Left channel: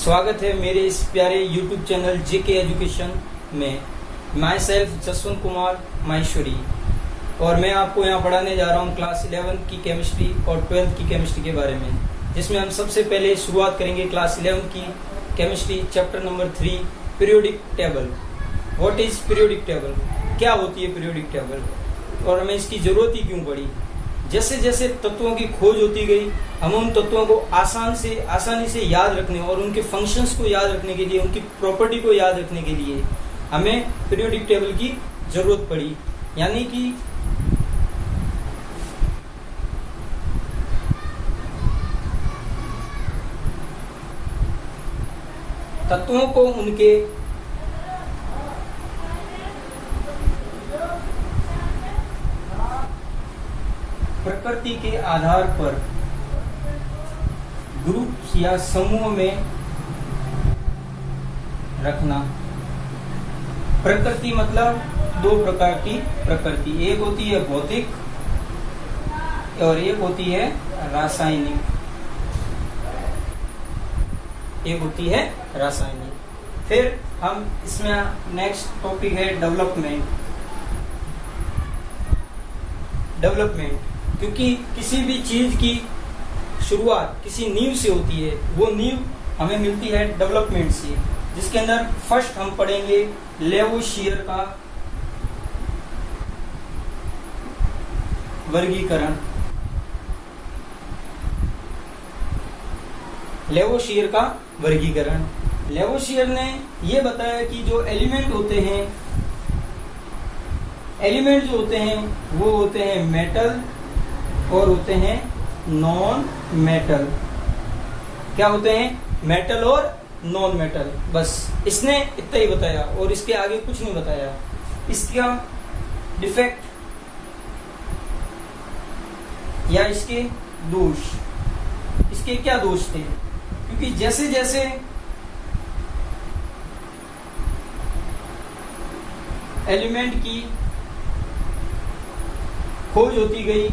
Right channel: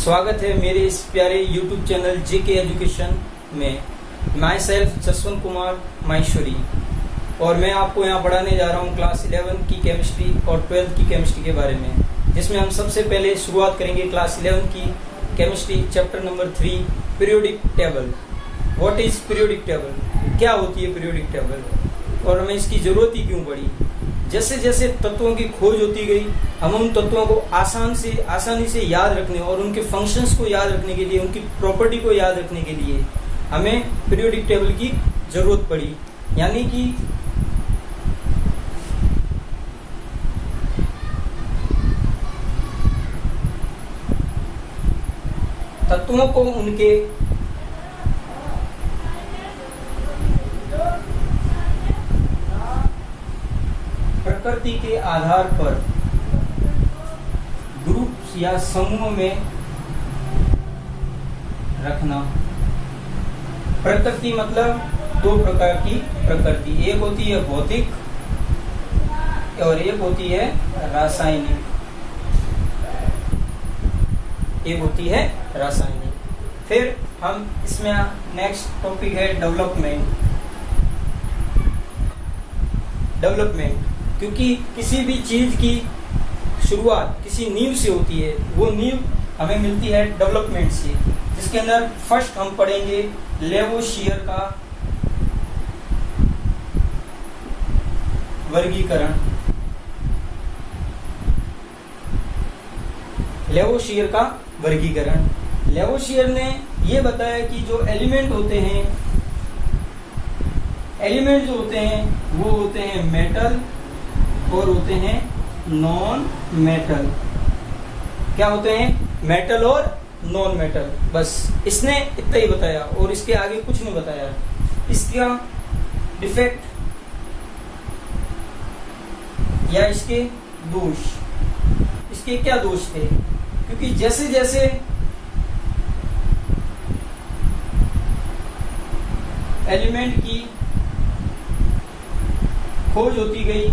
स्वागत है मेरे इस प्यारे YouTube चैनल जेके एजुकेशन में। माई सेल्फ जसवंत कुमार माहेश्वरी, और मैं आपको यहाँ पढ़ाने जा रहा हूँ क्लास 11 की केमिस्ट्री और 12th की केमिस्ट्री के बारे में, जिसमें हम सबसे पहले शुरुआत करेंगे क्लास 11 की chemistry chapter number 3 periodic table. What is periodic table? क्या होती है पीरियोडिक टेबल और हमें इसकी जरूरत ही क्यों पड़ी? जैसे जैसे तत्वों की खोज होती गई, हम उन तत्वों को आसानी से याद रखने और उनके फंक्शंस को याद रखने के लिए, उनकी प्रॉपर्टी को याद रखने के लिए हमें पीरियोडिक टेबल की जरूरत पड़ी। यानी कि तत्वों को उनके प्रकृति के आधार पर ग्रुप या समूह में रखना। प्रकृति मतलब दो प्रकार की प्रकृति, एक होती है भौतिक और एक होती है रासायनिक। फिर हम इसमें नेक्स्ट टॉपिक है डेवलपमेंट। क्योंकि किसी भी चीज की शुरुआत किसी नींव से होती है, वो नींव हमें मिलती है डेवलपमेंट से, जिसके अंदर फर्स्ट हम पढ़ेंगे लेवोशियर का वर्गीकरण। लेवोशियर ने ये बताया कि जो एलिमेंट होते हैं वो होते हैं मेटल और होते हैं नॉन मेटल। क्या होते हैं? मेटल और नॉन मेटल। बस इसने इतना ही बताया और इसके आगे कुछ नहीं बताया। इसका डिफेक्ट या इसके दोष, इसके क्या दोष थे? क्योंकि जैसे जैसे एलिमेंट की खोज होती गई,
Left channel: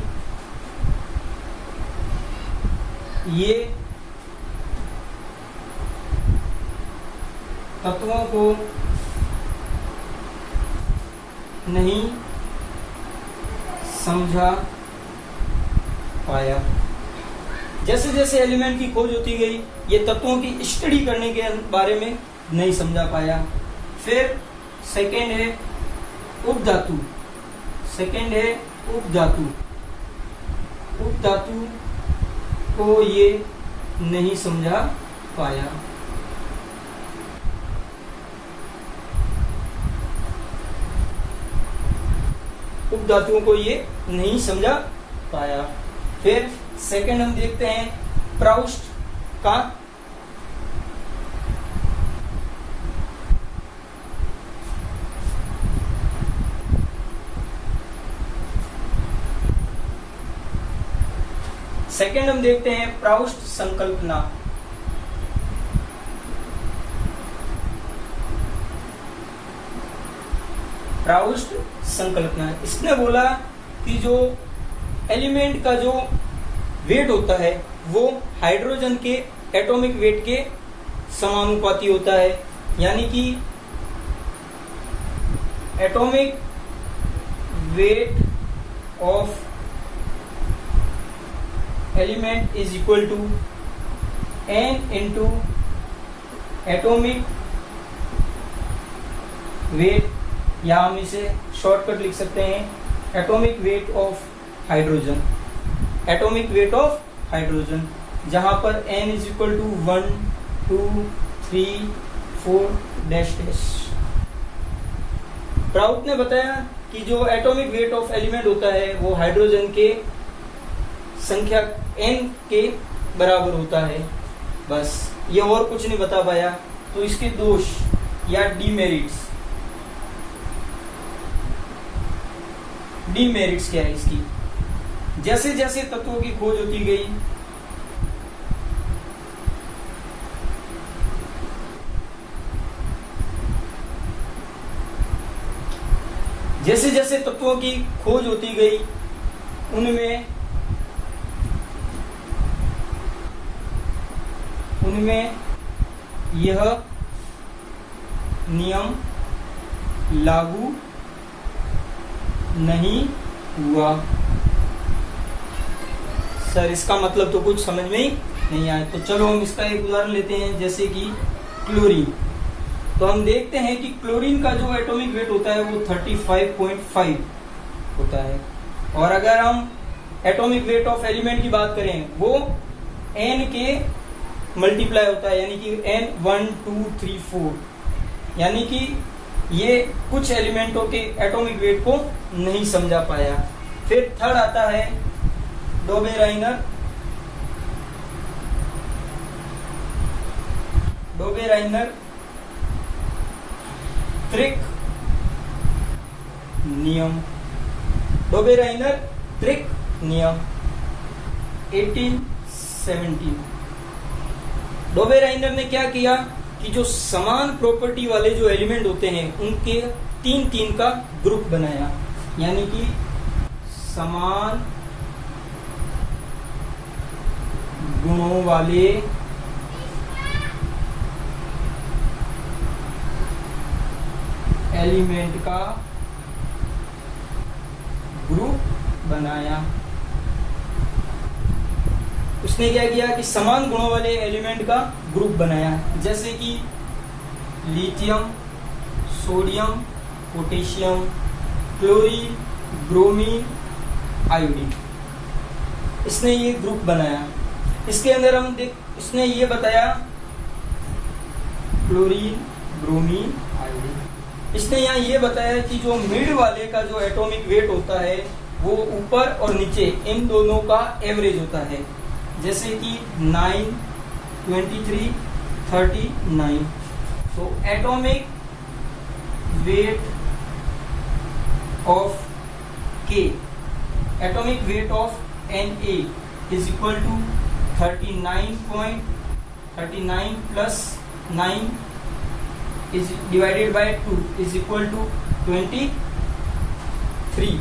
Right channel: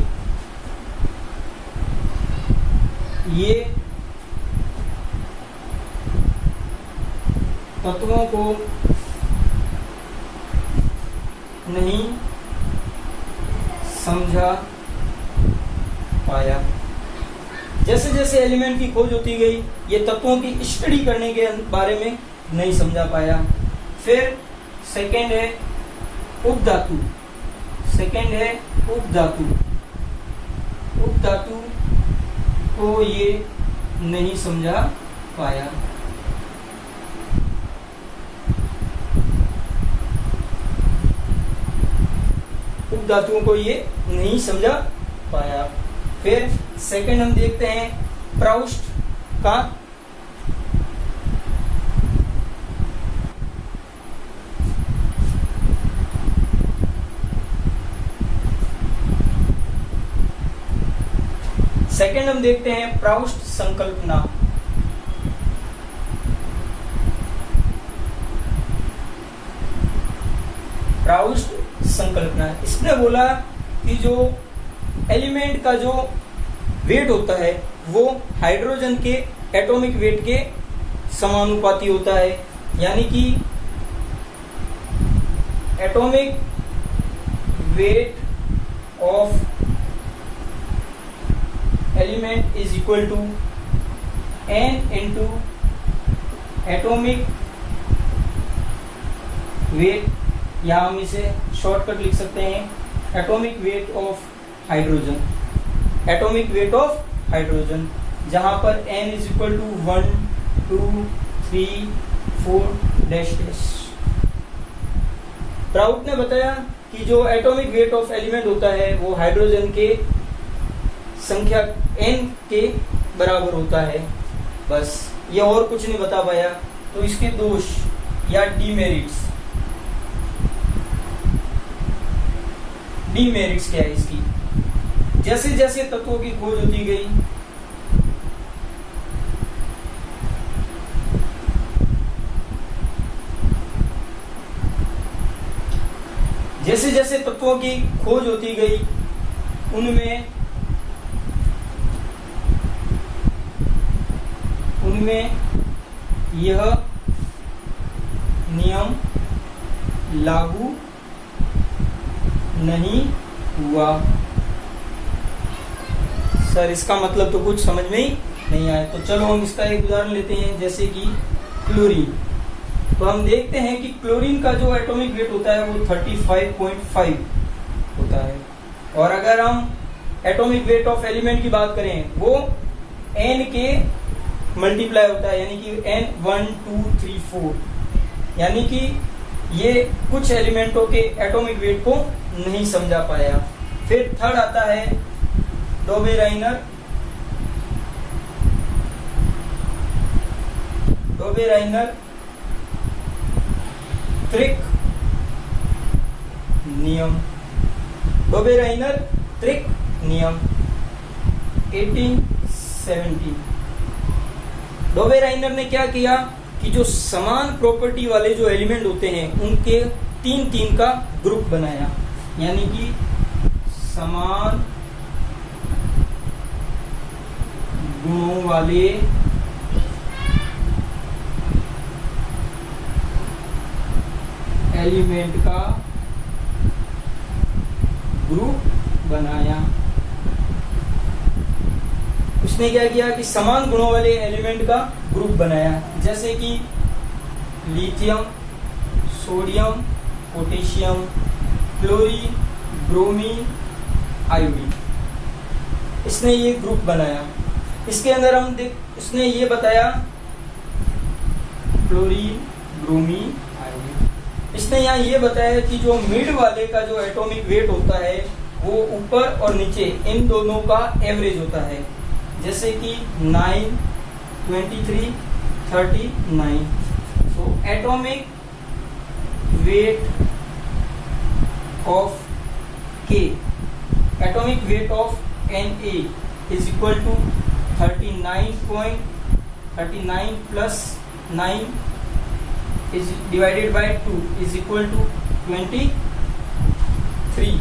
ये तत्वों को नहीं समझा पाया। जैसे जैसे एलिमेंट की खोज होती गई, ये तत्वों की स्टडी करने के बारे में नहीं समझा पाया। फिर सेकंड है उपधातु। उपधातु को ये नहीं समझा पाया। उपधातुओं को ये नहीं समझा पाया। फिर सेकंड हम देखते हैं प्राउस्ट का प्राउस्ट संकल्पना। इसने बोला कि जो एलिमेंट का जो वेट होता है वो हाइड्रोजन के एटॉमिक वेट के समानुपाती होता है। यानी कि atomic weight of element is equal to n into atomic weight, या हम इसे शॉर्टकट लिख सकते हैं एटॉमिक वेट ऑफ हाइड्रोजन, जहां पर n is equal to 1 2 3 4 dash dash. Prout ने बताया कि जो एटॉमिक वेट ऑफ एलिमेंट होता है वो हाइड्रोजन के संख्या n के बराबर होता है। बस ये और कुछ नहीं बता पाया। तो इसके दोष या डीमेरिट्स क्या है इसकी? जैसे जैसे तत्वों की खोज होती गई, उनमें उनमें यह नियम लागू नहीं हुआ। सर इसका मतलब तो कुछ समझ में ही नहीं आया। तो चलो हम इसका एक उदाहरण लेते हैं, जैसे कि क्लोरीन। तो हम देखते हैं कि क्लोरीन का जो एटॉमिक वेट होता है वो 35.5 होता है, और अगर हम एटॉमिक वेट ऑफ एलिमेंट की बात करें वो n के मल्टीप्लाई होता है, यानी कि n 1 2 3 4, यानी कि ये कुछ एलिमेंटों के एटॉमिक वेट को नहीं समझा पाया। फिर थर्ड आता है डोबेराइनर त्रिक नियम। डोबेराइनर त्रिक नियम 1817। डोबेराइनर ने क्या किया कि जो समान प्रॉपर्टी वाले जो एलिमेंट होते हैं उनके तीन तीन का ग्रुप बनाया, यानी कि समान गुणों वाले एलिमेंट का ग्रुप बनाया। उसने क्या किया कि समान गुणों वाले एलिमेंट का ग्रुप बनाया, जैसे कि lithium, sodium, potassium, chlorine, bromine, iodine. इसने ये ग्रुप बनाया। इसके अंदर उसने ये बताया क्लोरीन, ब्रोमीन, आयोडीन। इसने यहाँ ये बताया कि जो मिड वाले का जो एटॉमिक वेट होता है वो ऊपर और नीचे इन दोनों का एवरेज होता है, जैसे कि 9, 23, 39। तो atomic weight of K, atomic weight of Na is equal to 39 plus 9 is divided by 2 is equal to 23।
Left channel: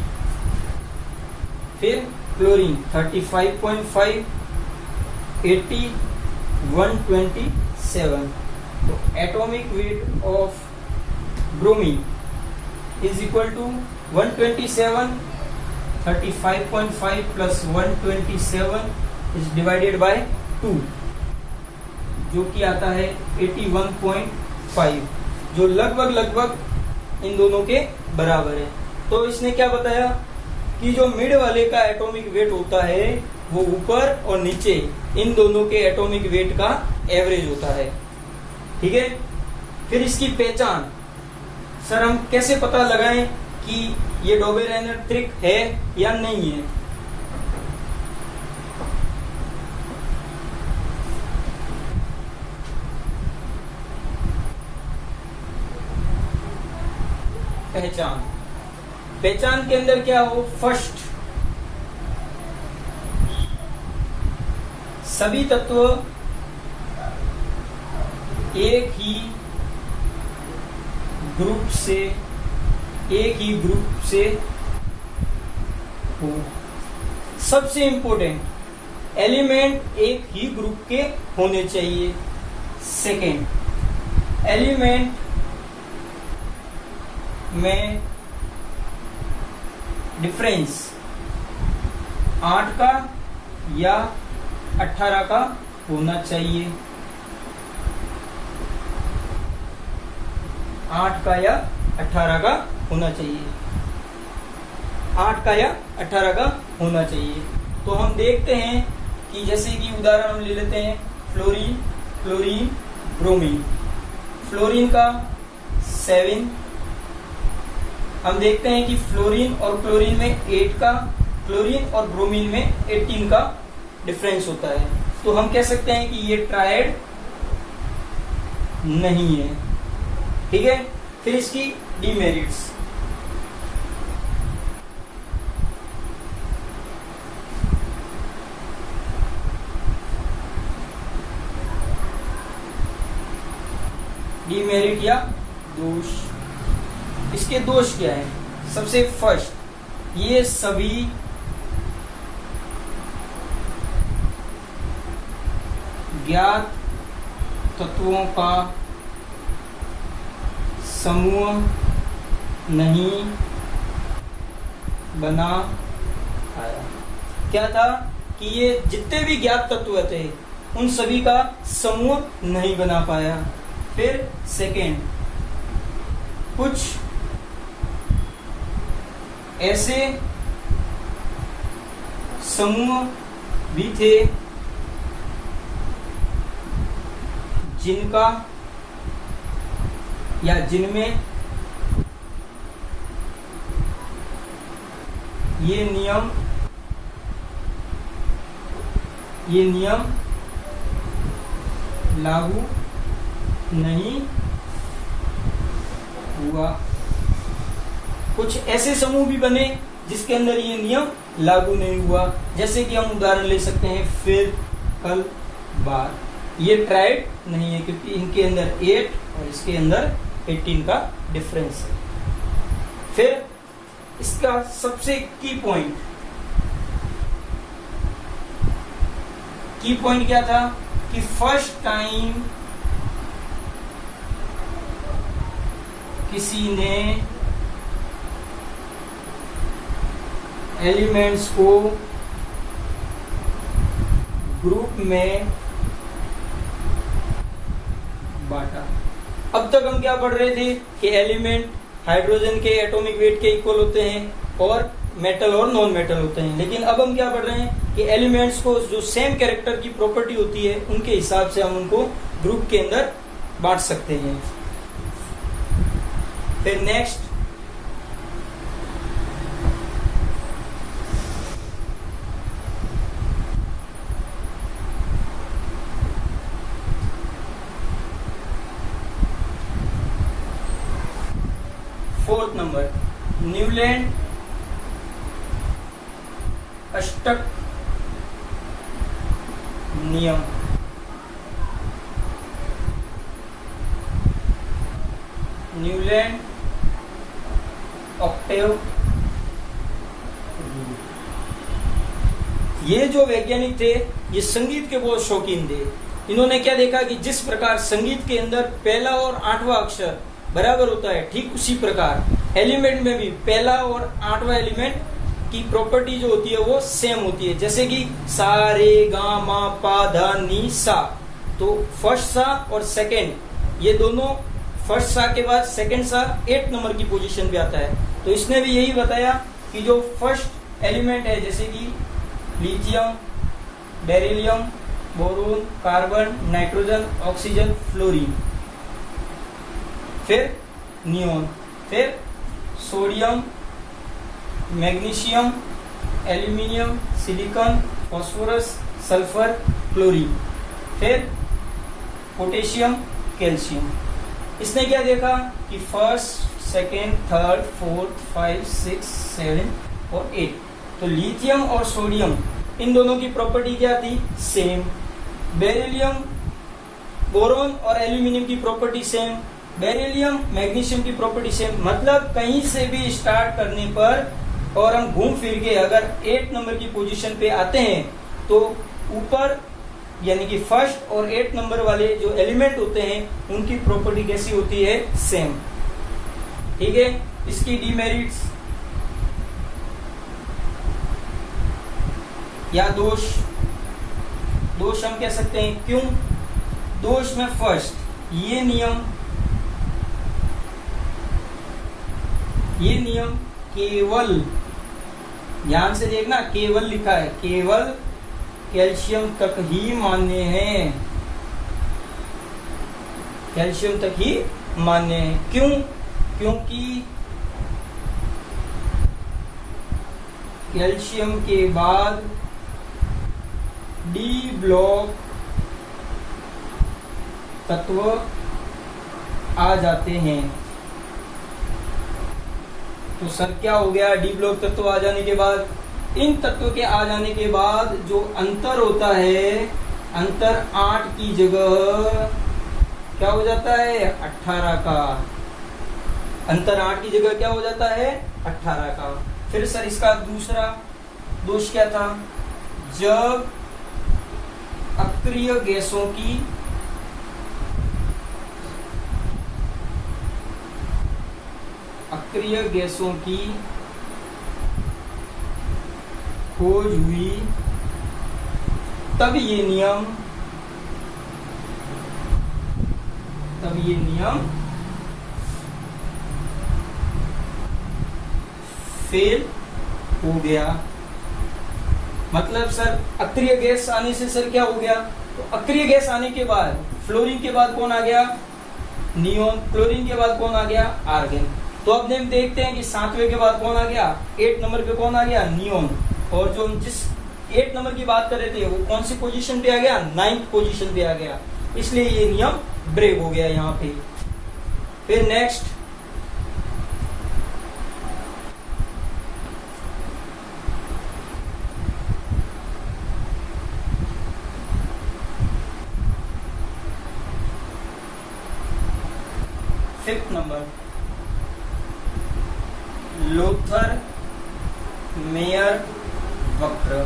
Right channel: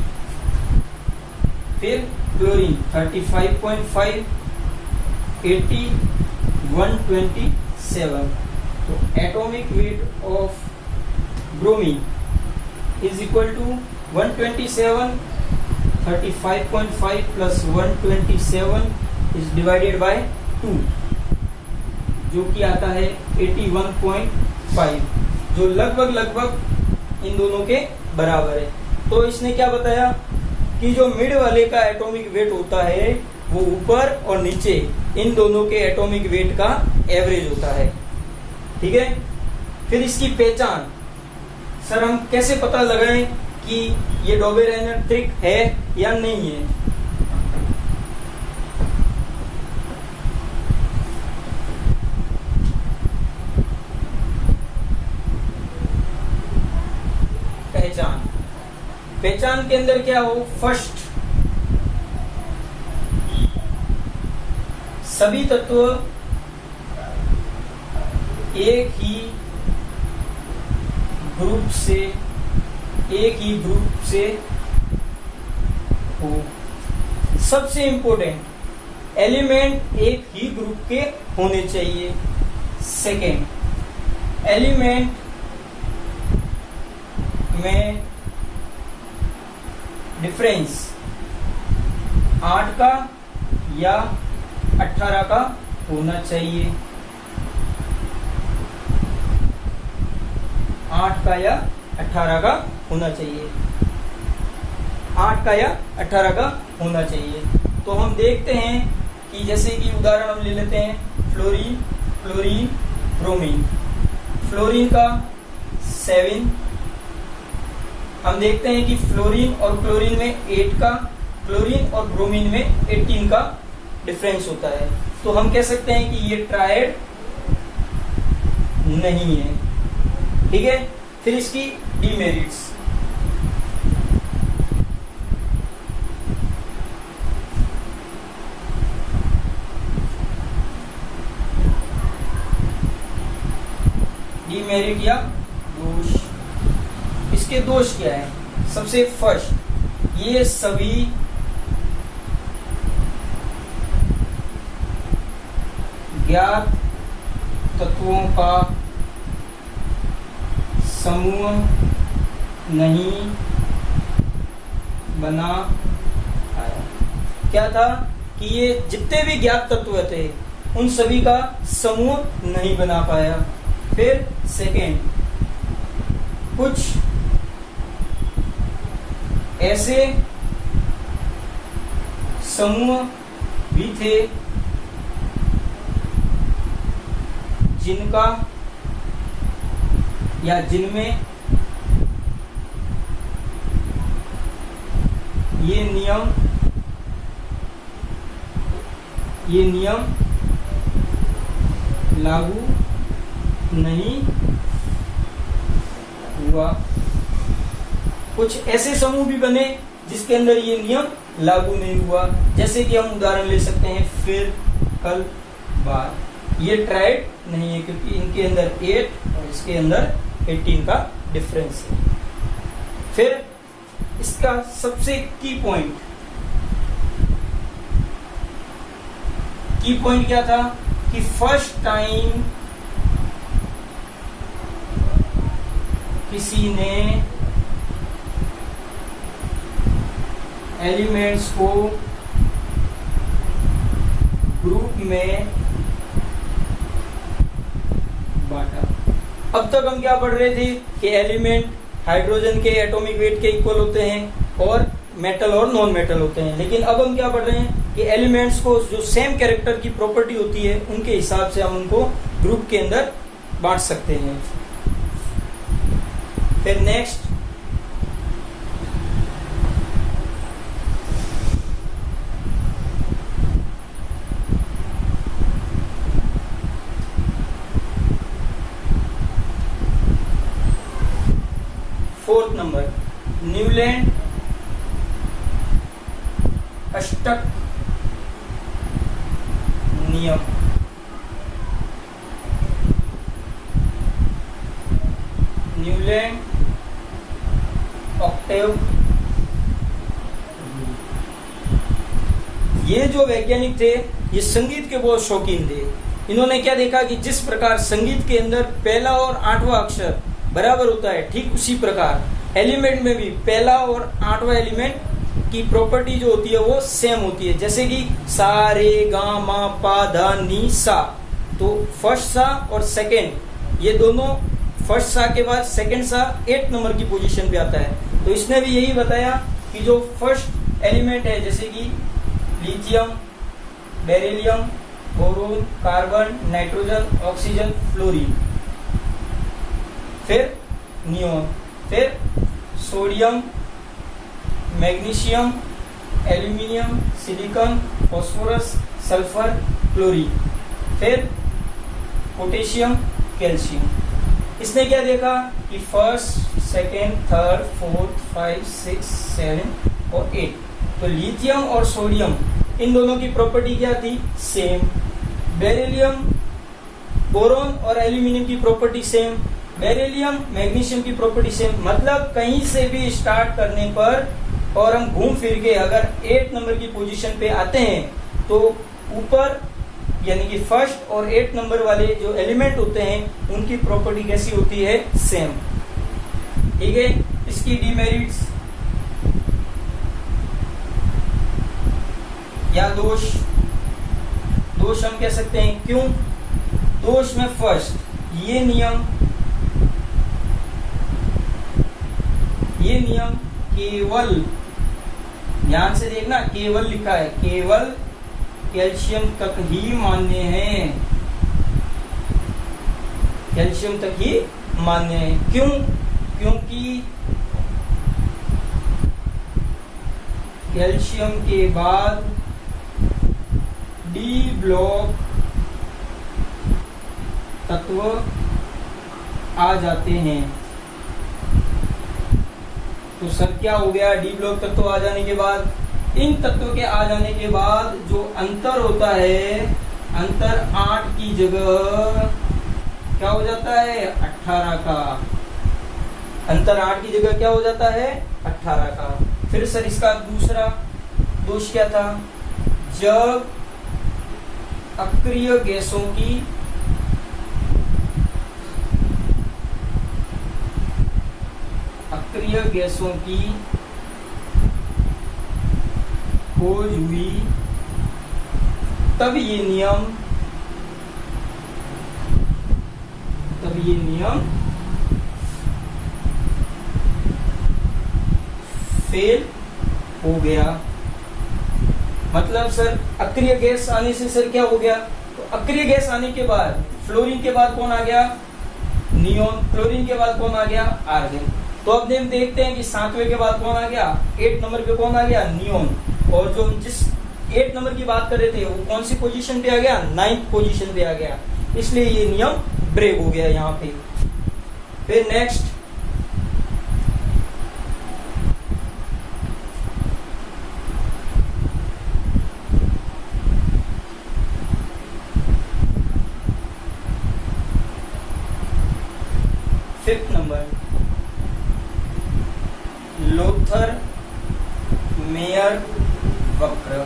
फिर क्लोरीन 35.5, 80, 127। तो atomic weight of bromine is equal to 127, 35.5 plus 127 is divided by 2, जो कि आता है 81.5, जो लगभग इन दोनों के बराबर है। तो इसने क्या बताया कि जो मिड वाले का एटॉमिक वेट होता है वो ऊपर और नीचे इन दोनों के एटॉमिक वेट का एवरेज होता है। ठीक है। फिर इसकी पहचान, सर हम कैसे पता लगाएं कि ये डोबेराइनर त्रिक है या नहीं है? पहचान के अंदर क्या हो, फर्स्ट सभी तत्व एक ही ग्रुप से हो। सबसे इंपॉर्टेंट, एलिमेंट एक ही ग्रुप के होने चाहिए। सेकेंड, एलिमेंट में डिफरेंस 8 का या 18 का होना चाहिए। 8 का या 18 का होना चाहिए। 8 का या 18 का होना चाहिए। तो हम देखते हैं कि जैसे कि उदाहरण हम ले लेते हैं फ्लोरीन, क्लोरीन, ब्रोमीन। फ्लोरीन का 7, हम देखते हैं कि फ्लोरीन और क्लोरीन में 8 का, क्लोरीन और ब्रोमीन में 18 का डिफरेंस होता है। तो हम कह सकते हैं कि ये ट्रायड नहीं है। ठीक है। फिर इसकी डीमेरिट्स, डीमेरिट या दोष। इसके दोष क्या है? सबसे फर्स्ट, ये सभी ज्ञात तत्वों का समूह नहीं बना पाया। क्या था कि ये जितने भी ज्ञात तत्व थे उन सभी का समूह नहीं बना पाया। फिर सेकेंड, कुछ ऐसे समूह भी थे जिनका या जिनमें ये नियम लागू नहीं हुआ। कुछ ऐसे समूह भी बने जिसके अंदर ये नियम लागू नहीं हुआ। जैसे कि हम उदाहरण ले सकते हैं फिर, कल, बार। ये ट्राइड नहीं है क्योंकि इनके अंदर 8 और इसके अंदर 18 का डिफरेंस है। फिर इसका सबसे की पॉइंट क्या था कि फर्स्ट टाइम किसी ने एलिमेंट्स को ग्रुप में बांटा। अब तक हम क्या पढ़ रहे थे कि एलिमेंट हाइड्रोजन के एटॉमिक वेट के इक्वल होते हैं और मेटल और नॉन मेटल होते हैं। लेकिन अब हम क्या पढ़ रहे हैं कि एलिमेंट्स को जो सेम कैरेक्टर की प्रॉपर्टी होती है उनके हिसाब से हम उनको ग्रुप के अंदर बांट सकते हैं। फिर नेक्स्ट, फोर्थ नंबर, न्यूलैंड अष्टक नियम। Newland octave. ये जो वैज्ञानिक थे ये संगीत के बहुत शौकीन थे। इन्होंने क्या देखा कि जिस प्रकार संगीत के अंदर पहला और 8वां अक्षर बराबर होता है, ठीक उसी प्रकार एलिमेंट में भी पहला और 8वां एलिमेंट की प्रॉपर्टी जो होती है वो सेम होती है। जैसे कि सा रे गा मा पा धा नी सा, तो फर्स्ट सा और सेकंड, ये दोनों फर्स्ट सा के बाद सेकंड सा 8 नंबर की पोजीशन पे आता है। तो इसने भी यही बताया कि जो फर्स्ट एलिमेंट है जैसे कि lithium, beryllium, boron, carbon, nitrogen, oxygen, fluorine, फिर नियोन, फिर sodium, magnesium, aluminium, silicon, phosphorus, sulphur, chlorine, फिर पोटेशियम, कैल्शियम। इसने क्या देखा कि फर्स्ट, सेकेंड, थर्ड, फोर्थ, 5, 6, 7 और 8, तो लिथियम और सोडियम इन दोनों की प्रॉपर्टी क्या थी? सेम। बेरिलियम, बोरोन और एल्यूमिनियम की प्रॉपर्टी सेम, बेरिलियम, मैग्नीशियम की प्रॉपर्टी सेम। मतलब कहीं से भी स्टार्ट करने पर और हम घूम फिर के अगर 8 नंबर की पोजीशन पे आते हैं तो ऊपर यानी कि फर्स्ट और 8 नंबर वाले जो एलिमेंट होते हैं उनकी प्रॉपर्टी कैसी होती है? सेम। ठीक है। इसकी डीमेरिट्स या दोष हम कह सकते हैं। क्यों दोष में? फर्स्ट, ये नियम केवल, ध्यान से देखना, केवल लिखा है, केवल कैल्शियम तक ही मान्य है, कैल्शियम तक ही मान्य है। क्यों? क्योंकि कैल्शियम के बाद डी ब्लॉक तत्व आ जाते हैं। तो सर क्या हो गया? डी ब्लॉक तत्व आ जाने के बाद, इन तत्वों के आ जाने के बाद जो अंतर होता है, अंतर 8 की जगह क्या हो जाता है? 18 का। अंतर 8 की जगह क्या हो जाता है? 18 का। फिर सर इसका दूसरा दोष क्या था? जब अक्रिय गैसों की अक्रिय गैसों की खोज हुई तब ये नियम फेल हो गया। मतलब सर अक्रिय गैस आने से सर क्या हो गया, तो अक्रिय गैस आने के बाद फ्लोरीन के बाद कौन आ गया, नियोन। क्लोरीन के बाद कौन आ गया, आर्गन। तो अब हम देखते हैं कि 7वें के बाद कौन आ गया, 8 नंबर पे कौन आ गया, नियोन। और जो जिस 8 नंबर की बात कर रहे थे वो कौन सी पोजीशन पे आ गया, 9th पोजीशन पे आ गया। इसलिए ये नियम ब्रेक हो गया यहाँ पे। फिर next fifth number, Lothar Meyer वक्र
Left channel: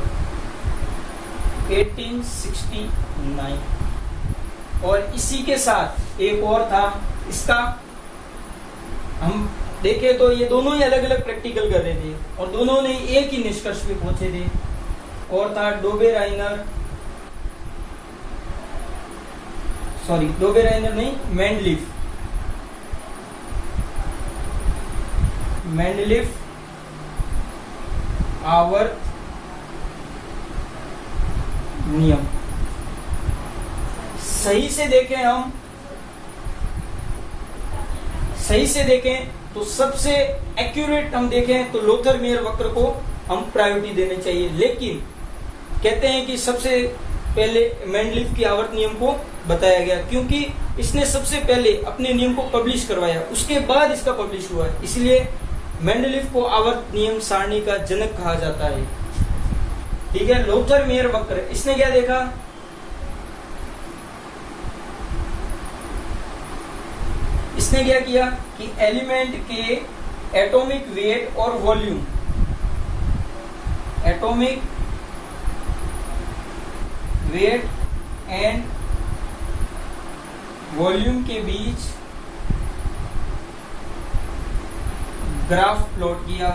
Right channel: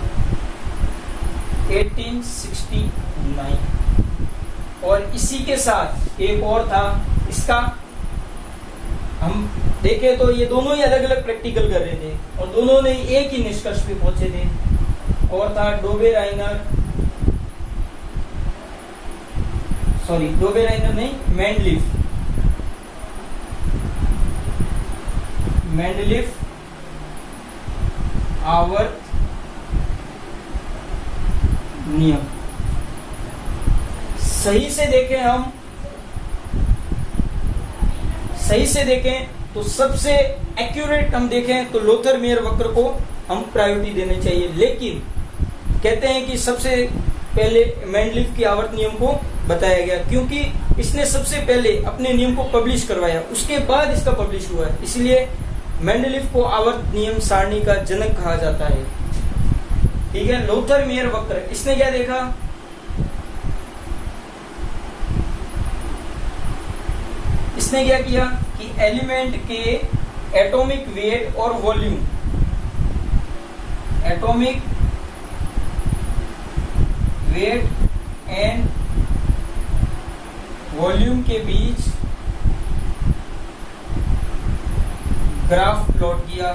1869। और इसी के साथ एक और था, इसका हम देखें तो ये दोनों ही अलग अलग प्रैक्टिकल कर रहे थे और दोनों ने एक ही निष्कर्ष पे पहुंचे थे, और था डोबेराइनर नहीं, मेंडलीफ आवर्त नियम। सही से देखें तो सबसे एक्यूरेट हम देखें तो लोथर मेयर वक्र को हम प्रायोरिटी देने चाहिए, लेकिन कहते हैं कि सबसे पहले मेंडलीफ की आवर्त नियम को बताया गया, क्योंकि इसने सबसे पहले अपने नियम को पब्लिश करवाया, उसके बाद इसका पब्लिश हुआ है। इसलिए मेंडलीफ को आवर्त नियम सारणी का जनक कहा जाता है। ठीक है, लोथर मेयर वक्र, इसने क्या देखा, इसने क्या किया कि एलिमेंट के एटॉमिक वेट और volume, atomic weight and volume के बीच ग्राफ प्लॉट किया।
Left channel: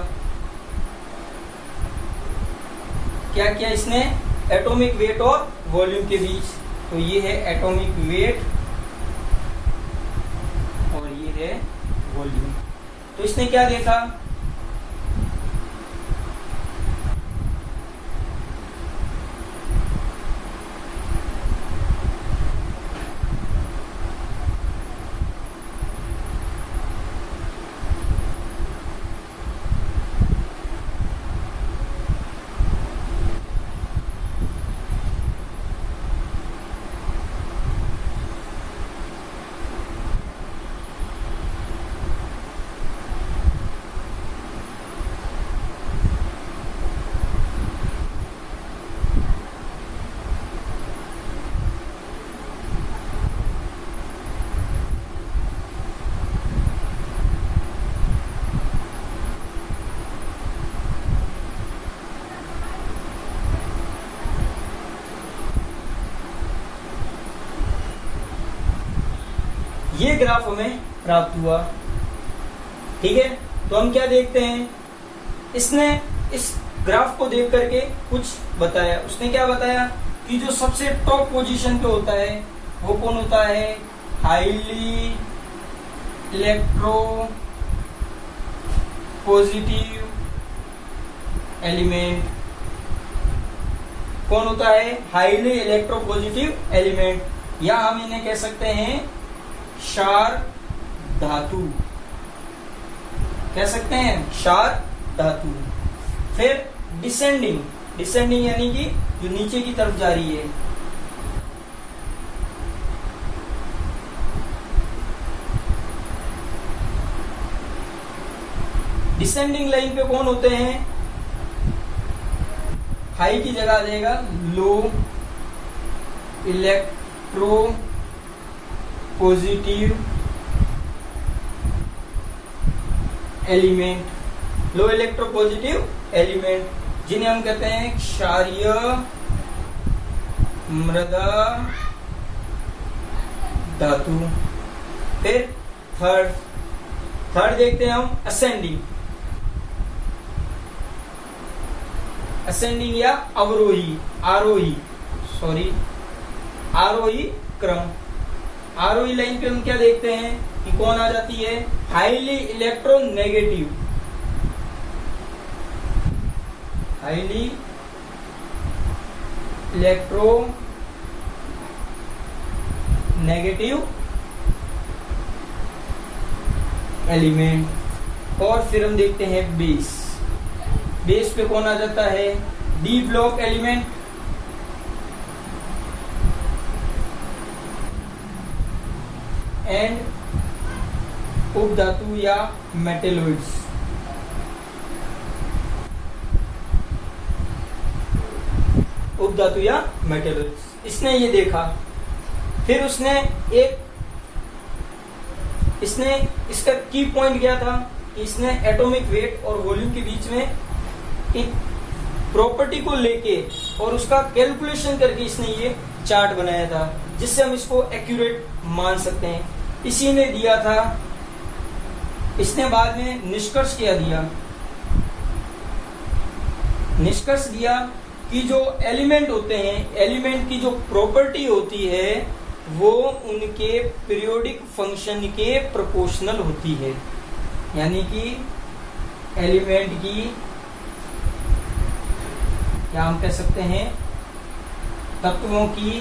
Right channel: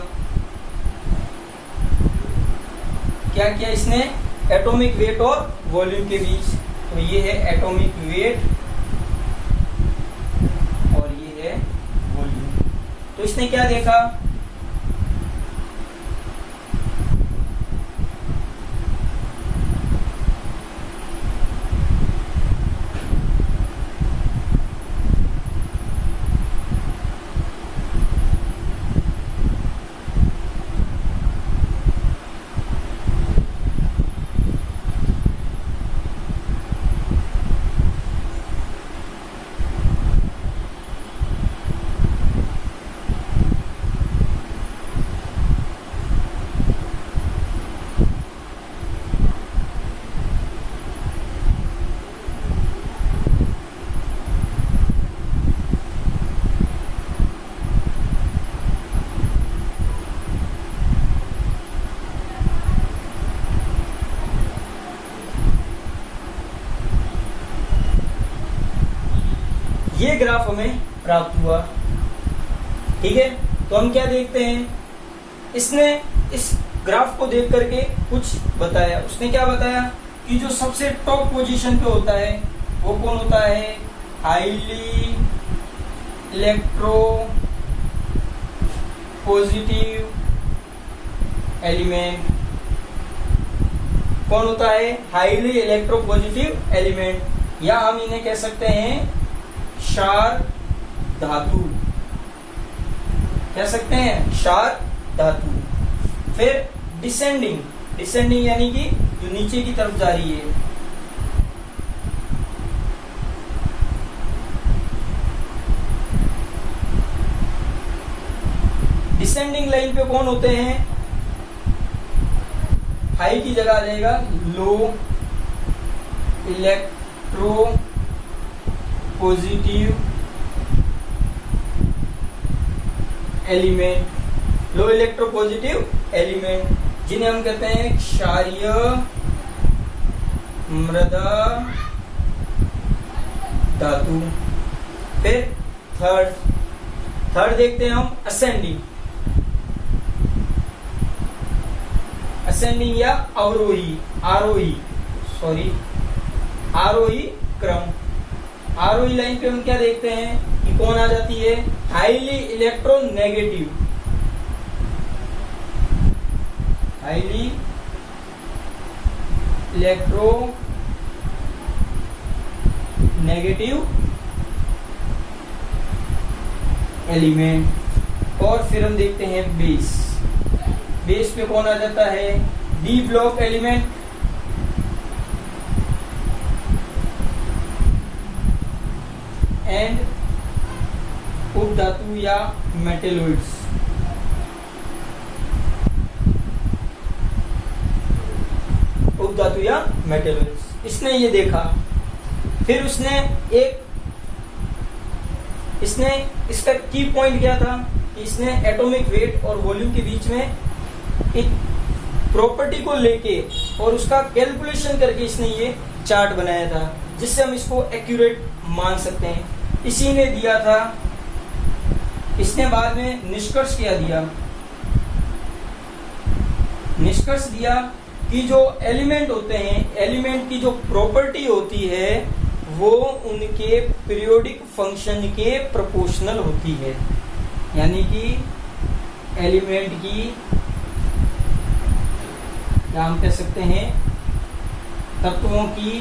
क्या किया इसने, एटॉमिक वेट और वॉल्यूम के बीच, तो ये है एटॉमिक वेट और ये है वॉल्यूम। तो इसने क्या देखा, ये ग्राफ हमें प्राप्त हुआ। ठीक है, तो हम क्या देखते हैं, इसने इस ग्राफ को देख करके कुछ बताया। उसने क्या बताया कि जो सबसे टॉप पोजीशन पे होता है वो कौन होता है, हाईली इलेक्ट्रो पॉजिटिव एलिमेंट। कौन होता है, हाईली इलेक्ट्रो पॉजिटिव एलिमेंट, या हम इन्हें कह सकते हैं क्षार धातु, कह सकते हैं क्षार धातु। फिर डिसेंडिंग यानी कि जो नीचे की तरफ जा रही है, डिसेंडिंग लाइन पे कौन होते हैं, हाई की जगह आ जाएगा लो इलेक्ट्रो पॉजिटिव एलिमेंट, लो इलेक्ट्रो पॉजिटिव एलिमेंट, जिन्हें हम कहते हैं क्षारीय मृदा धातु। फिर थर्ड थर्ड देखते हैं हम असेंडिंग, असेंडिंग या अवरोही, आरोही क्रम। आरोही लाइन पे हम क्या देखते हैं कि कौन आ जाती है, highly electronegative, highly electronegative element. और फिर हम देखते हैं बेस, बेस पे कौन आ जाता है, डी ब्लॉक एलिमेंट, एंड उपधातु या मेटेलॉइड्स। उपधातु या मेटेलॉइड्स, इसने ये देखा। फिर उसने इसका की पॉइंट क्या था, इसने एटॉमिक वेट और वॉल्यूम के बीच में एक प्रॉपर्टी को लेके और उसका कैलकुलेशन करके इसने ये चार्ट बनाया था, जिससे हम इसको एक्यूरेट मान सकते हैं। इसी ने दिया था, इसने बाद में निष्कर्ष क्या दिया, निष्कर्ष दिया कि जो एलिमेंट होते हैं, एलिमेंट की जो प्रॉपर्टी होती है वो उनके पीरियोडिक फंक्शन के प्रोपोर्शनल होती है। यानी कि एलिमेंट की क्या हम कह सकते हैं, तत्वों की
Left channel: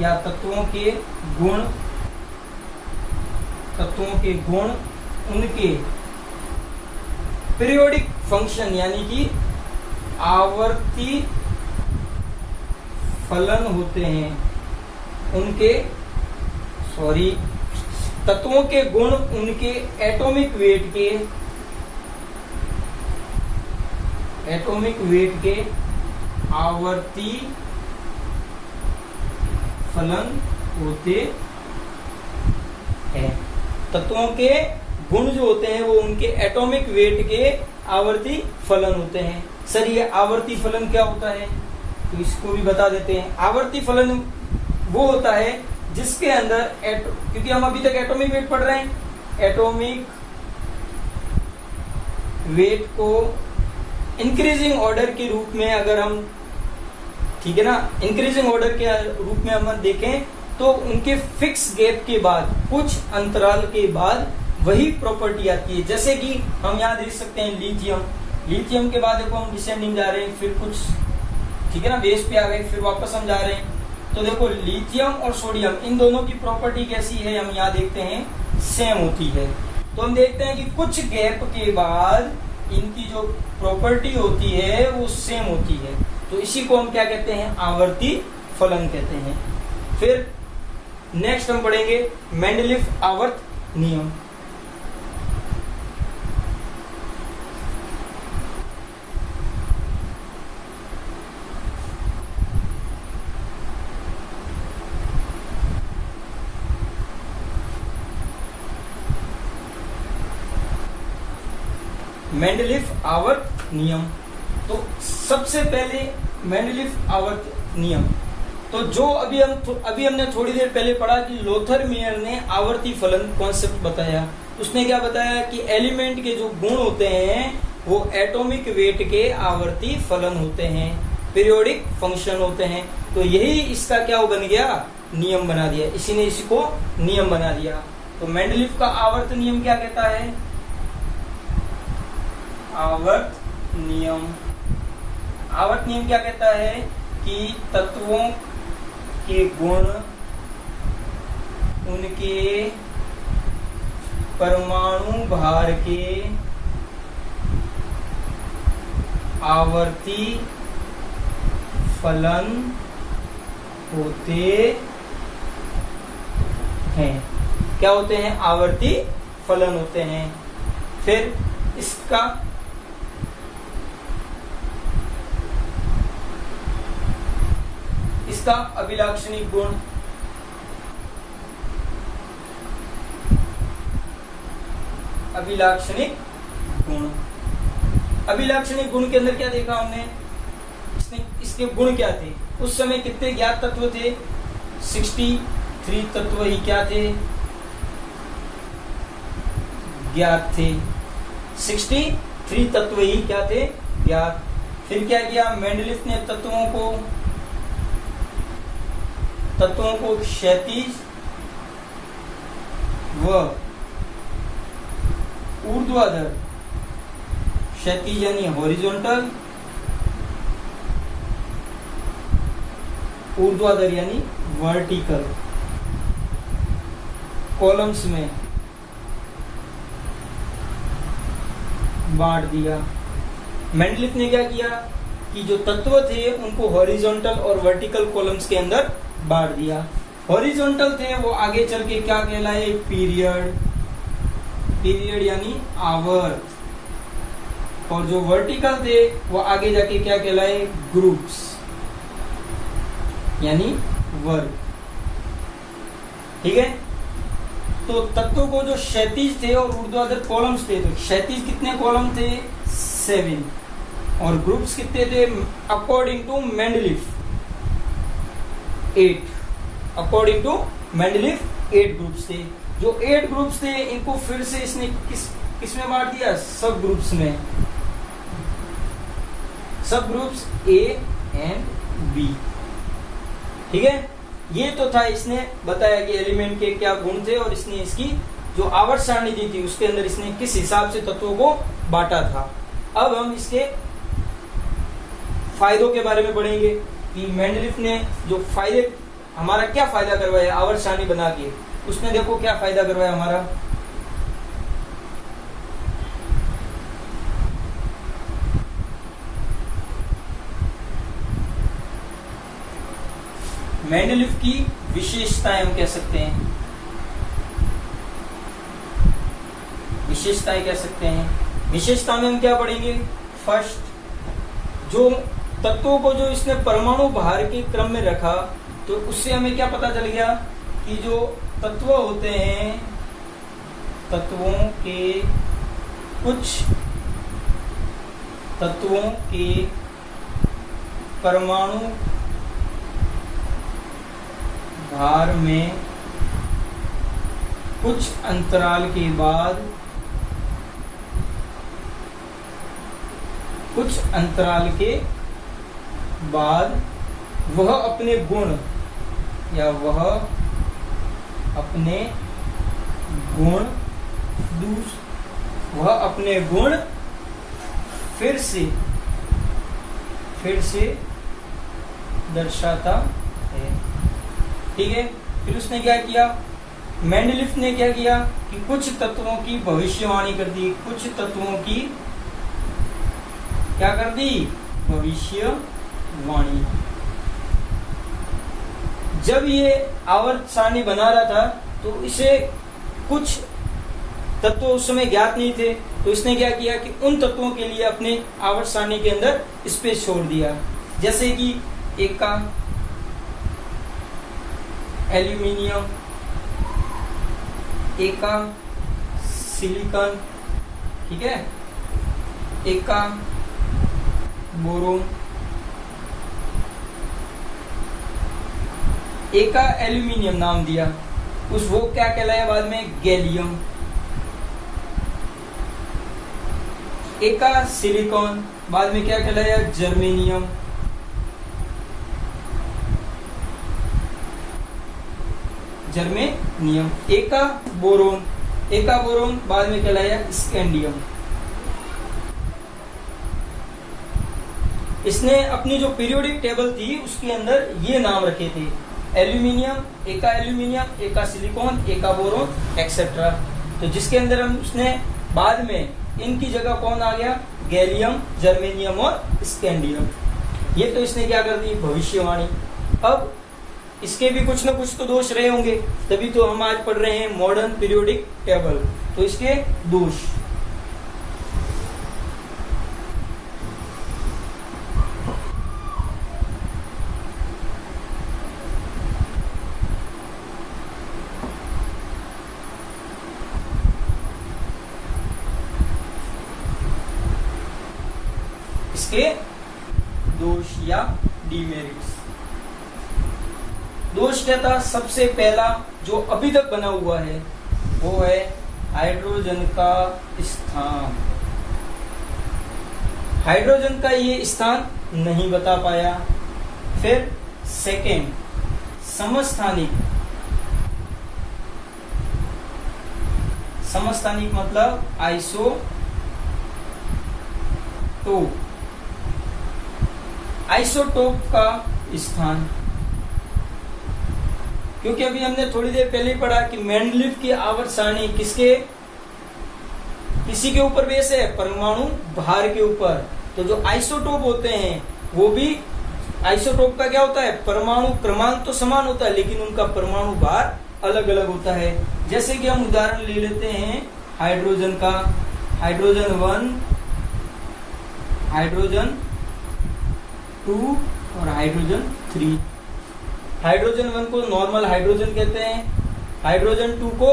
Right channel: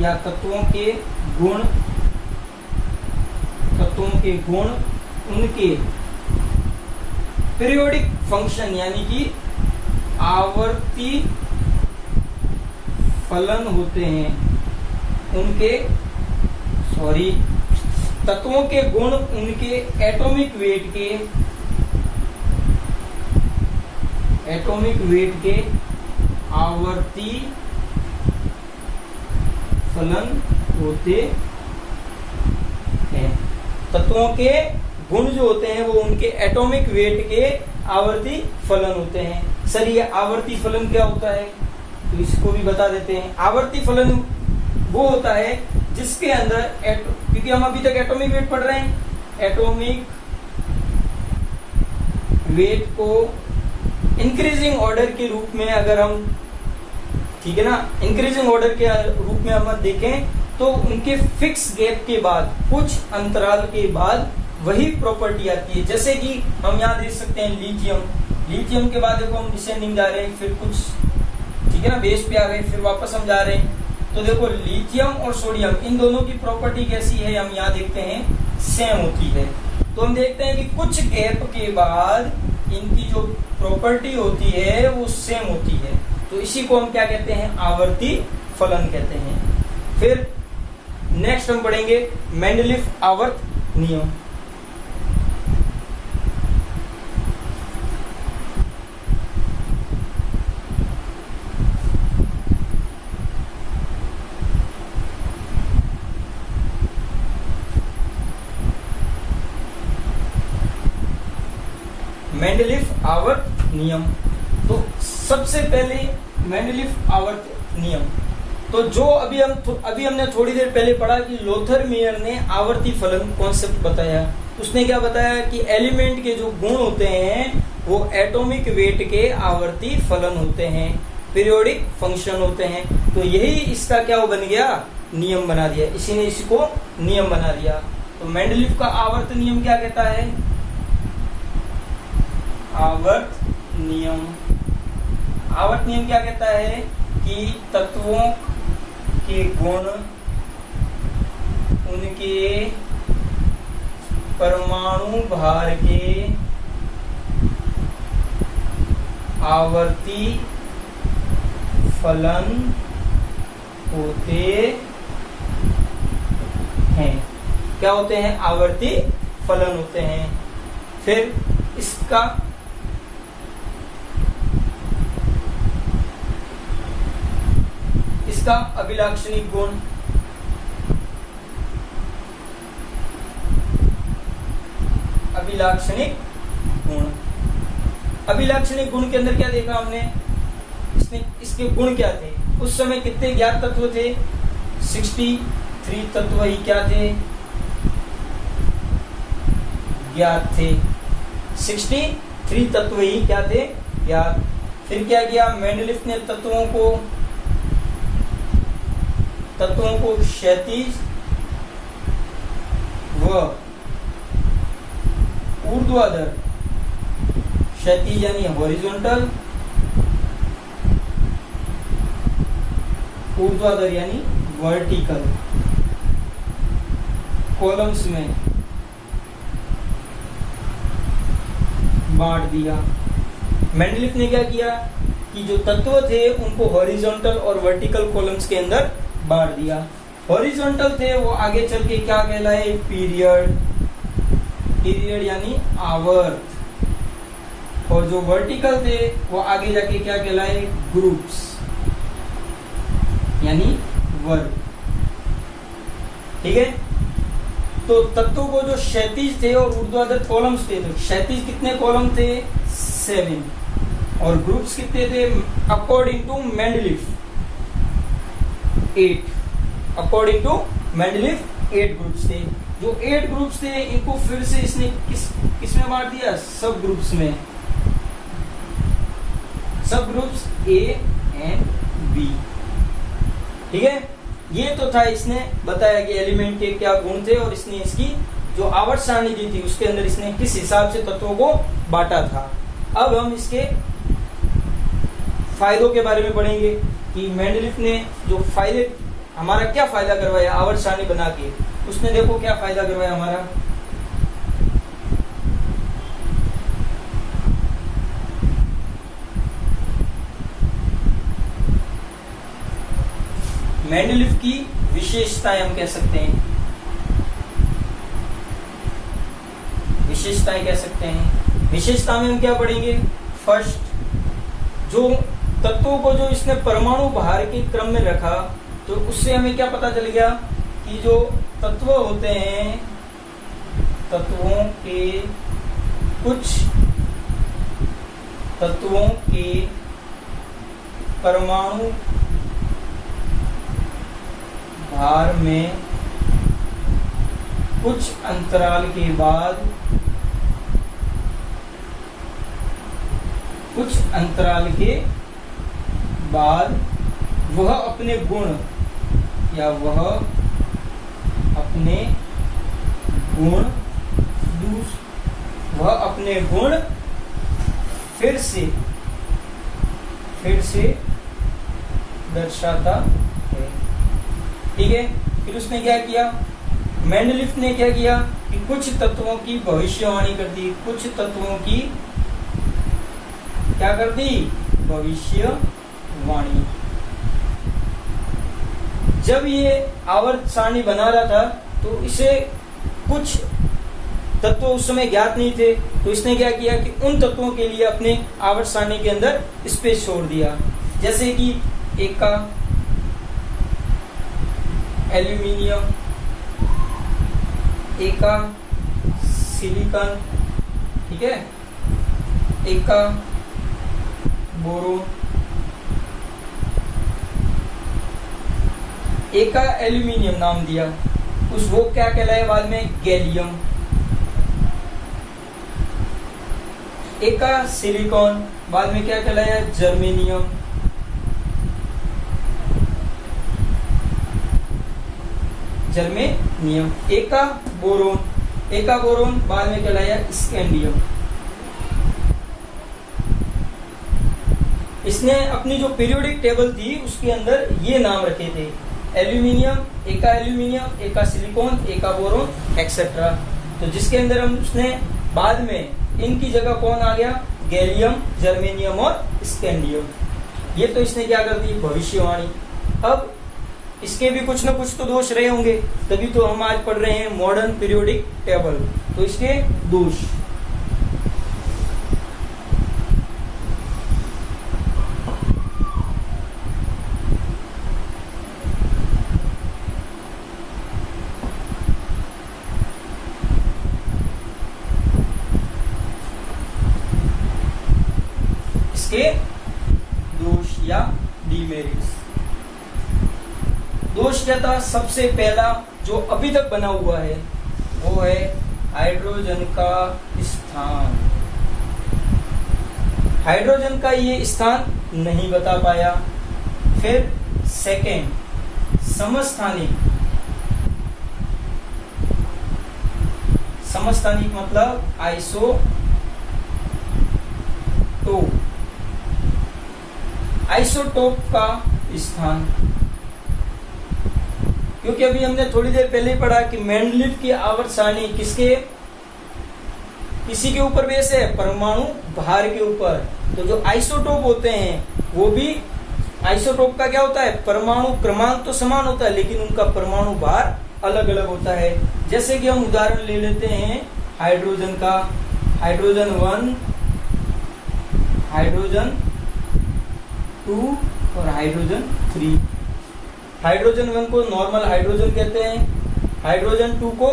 या तत्वों के गुण उनके पीरियोडिक फंक्शन यानी कि आवर्ती फलन होते हैं, तत्वों के गुण उनके एटॉमिक वेट के आवर्ती फलन होते हैं। तत्वों के गुण जो होते हैं वो उनके एटॉमिक वेट के आवर्ती फलन होते हैं। सर ये आवर्ती फलन क्या होता है, तो इसको भी बता देते हैं। आवर्ती फलन वो होता है जिसके अंदर क्योंकि हम अभी तक एटॉमिक वेट पढ़ रहे हैं, एटॉमिक वेट को इंक्रीजिंग ऑर्डर के रूप में अगर हम, ठीक है ना, इंक्रीजिंग ऑर्डर के रूप में हम देखें तो उनके फिक्स गैप के बाद, कुछ अंतराल के बाद वही प्रॉपर्टी आती है। जैसे कि हम यहाँ देख सकते हैं लिथियम के बाद देखो हम डिसेंडिंग जा रहे हैं, फिर कुछ, ठीक है ना, बेस पे आ गए, फिर वापस हम जा रहे हैं। तो देखो लिथियम और सोडियम इन दोनों की प्रॉपर्टी कैसी है, हम यहाँ देखते हैं सेम होती है। तो हम देखते हैं कि कुछ गैप के बाद इनकी जो प्रॉपर्टी होती है वो सेम होती है। तो इसी को हम क्या कहते हैं, आवर्ती फलन कहते हैं। फिर नेक्स्ट हम पढ़ेंगे मेंडलीफ आवर्त नियम। मेंडलीफ आवर्त नियम। तो सबसे पहले मेंडलीफ आवर्त नियम, तो जो अभी हमने थोड़ी देर पहले पढ़ा कि लोथर मेयर ने आवर्ती फलन कॉन्सेप्ट बताया। उसने क्या बताया कि एलिमेंट के जो गुण होते हैं वो एटॉमिक वेट के आवर्ती फलन होते हैं, पीरियोडिक फंक्शन होते हैं। तो यही इसका क्या बन गया, नियम बना दिया, इसी ने इसको नियम बना दिया। तो मेंडलीफ का आवर्त नियम क्या कहता है, आवर्त नियम क्या कहता है कि तत्वों के गुण उनके परमाणु भार के आवर्ती फलन होते हैं। क्या होते हैं, आवर्ती फलन होते हैं। फिर इसका अभिलाक्षणिक गुण, अभिलाक्षणिक गुण के अंदर क्या देखा हमने, इसके गुण क्या थे, उस समय कितने ज्ञात तत्व थे, 60 63 तत्व ही क्या थे? ज्ञात थे। 63 तत्व ही क्या थे? ज्ञात। फिर क्या किया मेंडलीफ ने? तत्वों को क्षैतिज व ऊर्ध्वाधर, क्षैतिज यानी हॉरिजॉन्टल, ऊर्ध्वाधर यानी वर्टिकल कॉलम्स में बांट दिया। मेंडलीफ ने क्या किया कि जो तत्व थे उनको हॉरिजॉन्टल और वर्टिकल कॉलम्स के अंदर बांट दिया। हॉरिजॉन्टल थे वो आगे चल के क्या कहलाए? पीरियड, पीरियड यानी आवर्त। और जो वर्टिकल थे वो आगे जाके क्या कहलाए? ग्रुप्स यानी वर्ग। ठीक है, तो तत्वों को जो क्षैतिज थे और ऊर्ध्वाधर कॉलम्स थे, तो क्षैतिज कितने कॉलम थे? 7 और ग्रुप्स कितने थे? According to Mendeleev 8। According to Mendeleev 8 groups थे। जो 8 ग्रुप्स थे इनको फिर से इसने किस में बांट दिया? सब ग्रुप्स में। सब ग्रुप्स ए एंड बी। ठीक है, ये तो था, इसने बताया कि एलिमेंट के क्या गुण थे और इसने इसकी जो आवर्त सारणी दी थी उसके अंदर इसने किस हिसाब से तत्वों को बांटा था। अब हम इसके फायदों के बारे में पढ़ेंगे कि मेंडलीफ ने जो फायदे, हमारा क्या फायदा करवाया आवर्त सारणी बना के। उसने देखो क्या फायदा करवाया हमारा। मेंडलीफ की विशेषताएं हम कह सकते हैं, विशेषताएं कह सकते हैं। विशेषता में हम क्या पढ़ेंगे? फर्स्ट, जो तत्वों को जो इसने परमाणु भार के क्रम में रखा, तो उससे हमें क्या पता चल गया कि जो तत्व होते हैं, तत्वों के परमाणु भार में कुछ अंतराल के बाद वह अपने गुण फिर से दर्शाता है। ठीक है, फिर उसने क्या किया? मेंडलीफ ने क्या किया कि कुछ तत्वों की भविष्यवाणी कर दी। कुछ तत्वों की क्या कर दी? भविष्यवाणी। जब ये आवर्त सारणी बना रहा था तो इसे कुछ तत्व उस समय ज्ञात नहीं थे, तो इसने क्या किया कि उन तत्वों के लिए अपने आवर्त सारणी के अंदर स्पेस छोड़ दिया। जैसे कि एक का एल्यूमिनियम, एक का सिलिकॉन, ठीक है, एक का बोरोन, एक का एल्यूमिनियम नाम दिया। वो क्या कहलाया बाद में? गैलियम। एक का सिलिकॉन, बाद में क्या कहलाया? जर्मेनियम। एक का बोरोन, बाद में कहलाया स्कैंडियम। इसने अपनी जो पीरियोडिक टेबल थी उसके अंदर ये नाम रखे थे, एल्यूमिनियम, एक का सिलिकॉन, एक का बोरोन एक्सेट्रा। तो जिसके अंदर हम उसने बाद में इनकी जगह कौन आ गया? गैलियम, जर्मेनियम और स्कैंडियम। ये तो इसने क्या कर दी? भविष्यवाणी। अब इसके भी कुछ न कुछ तो दोष रहे होंगे, तभी तो हम आज पढ़ रहे हैं मॉडर्न पीरियोडिक टेबल। तो इसके दोष, इसके दोष या डिमेरिट्स। दोष क्या था? सबसे पहला जो अभी तक बना हुआ है वो है हाइड्रोजन का स्थान। हाइड्रोजन का ये स्थान नहीं बता पाया। फिर सेकेंड, समस्थानिक। समस्थानिक मतलब आइसोटोप। आइसोटोप का स्थान, क्योंकि अभी हमने थोड़ी देर पहले ही पढ़ा कि मेंडलीव की आवर्त सारणी किसी के ऊपर बेस है? परमाणु भार के ऊपर। तो जो आइसोटोप होते हैं वो भी, आइसोटोप का क्या होता है? परमाणु क्रमांक तो समान होता है लेकिन उनका परमाणु भार अलग अलग होता है। जैसे कि हम उदाहरण ले लेते हैं हाइड्रोजन का, हाइड्रोजन 1, हाइड्रोजन 2 और हाइड्रोजन 3। हाइड्रोजन 1 को नॉर्मल हाइड्रोजन कहते हैं, हाइड्रोजन 2 को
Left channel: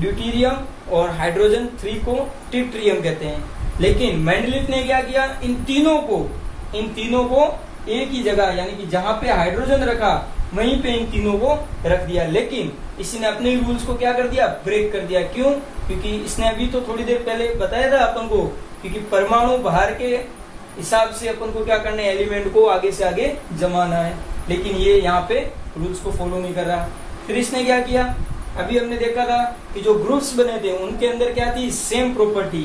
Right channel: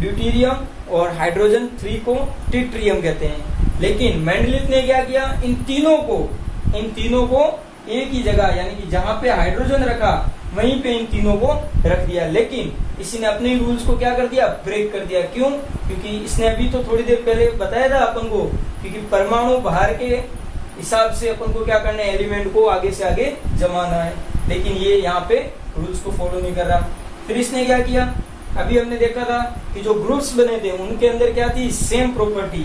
ड्यूटेरियम और हाइड्रोजन 3 को ट्रिटियम कहते हैं। लेकिन मेंडलीव ने क्या किया? इन तीनों को एक ही जगह, यानी कि जहां पे हाइड्रोजन रखा वहीं पे इन तीनों को रख दिया। लेकिन इसने अपने रूल्स को क्या कर दिया? ब्रेक कर दिया। क्यों? क्योंकि इसने अभी तो थोड़ी देर पहले बताया था अपन को, क्योंकि परमाणु भार के हिसाब से अपन को क्या करना है? एलिमेंट को आगे से आगे जमाना है। लेकिन ये यहाँ पे रूल्स को फॉलो नहीं कर रहा। फिर इसने क्या किया? अभी हमने देखा था कि जो ग्रुप्स बने थे उनके अंदर क्या थी? Same property.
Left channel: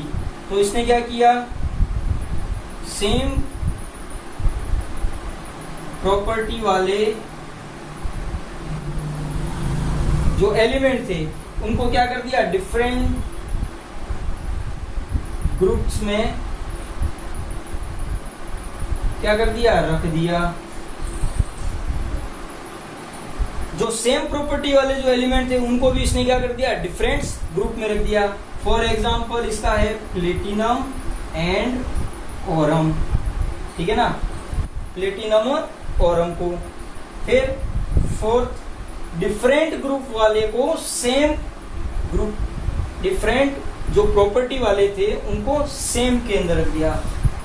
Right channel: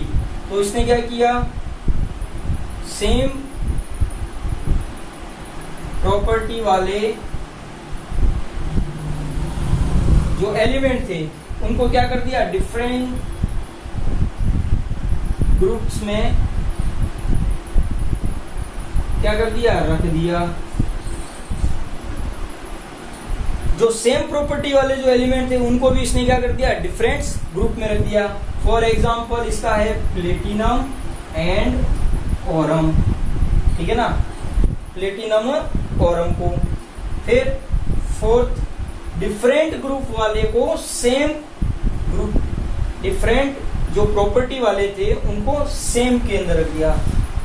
तो इसने क्या किया? सेम प्रॉपर्टी वाले जो एलिमेंट थे उनको क्या कर दिया? डिफरेंट ग्रुप्स में क्या कर दिया? रख दिया। जो सेम प्रॉपर्टी वाले जो एलिमेंट थे उनको भी इसने क्या कर दिया? डिफरेंट ग्रुप में रख दिया। फॉर एग्जांपल इसका है प्लेटिनम एंड ऑरम, ठीक है ना? प्लेटिनम और ऑरम को। फिर फोर्थ, डिफरेंट ग्रुप वाले को सेम ग्रुप, डिफरेंट जो प्रॉपर्टी वाले थे उनको सेम के अंदर रख दिया।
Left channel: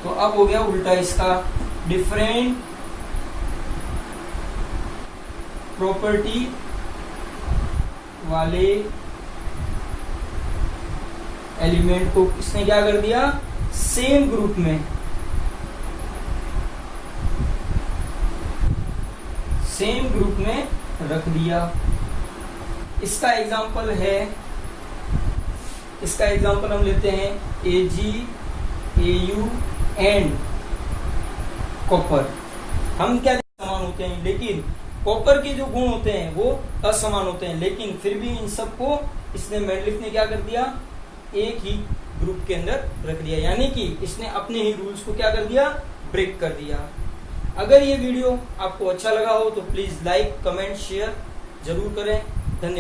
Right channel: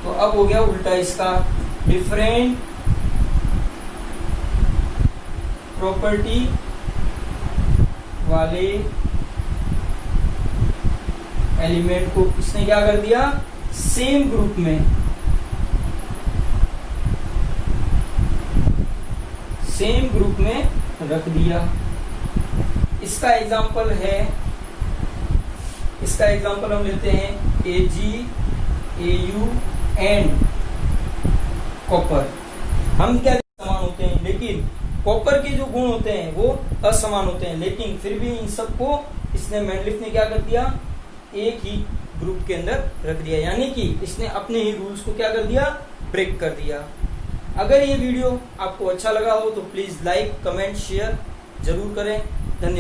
तो अब हो गया उल्टा इसका, डिफरेंट प्रॉपर्टी वाले एलिमेंट को इसने क्या कर दिया? सेम ग्रुप में, सेम ग्रुप में रख दिया। इसका एग्जांपल है, इसका एग्जांपल हम लेते हैं Ag, Au एंड कॉपर। हम क्या समान होते हैं, लेकिन कॉपर के जो गुण होते हैं वो असमान होते हैं। लेकिन फिर भी इन सबको इसने मेंडलीव ने क्या कर दिया? एक ही ग्रुप के अंदर रख दिया। यानी कि इसने अपने ही रूल्स को क्या कर दिया? ब्रेक कर दिया। अगर ये वीडियो आपको अच्छा लगा हो तो प्लीज लाइक, कमेंट, शेयर जरूर करें। धन्यवाद।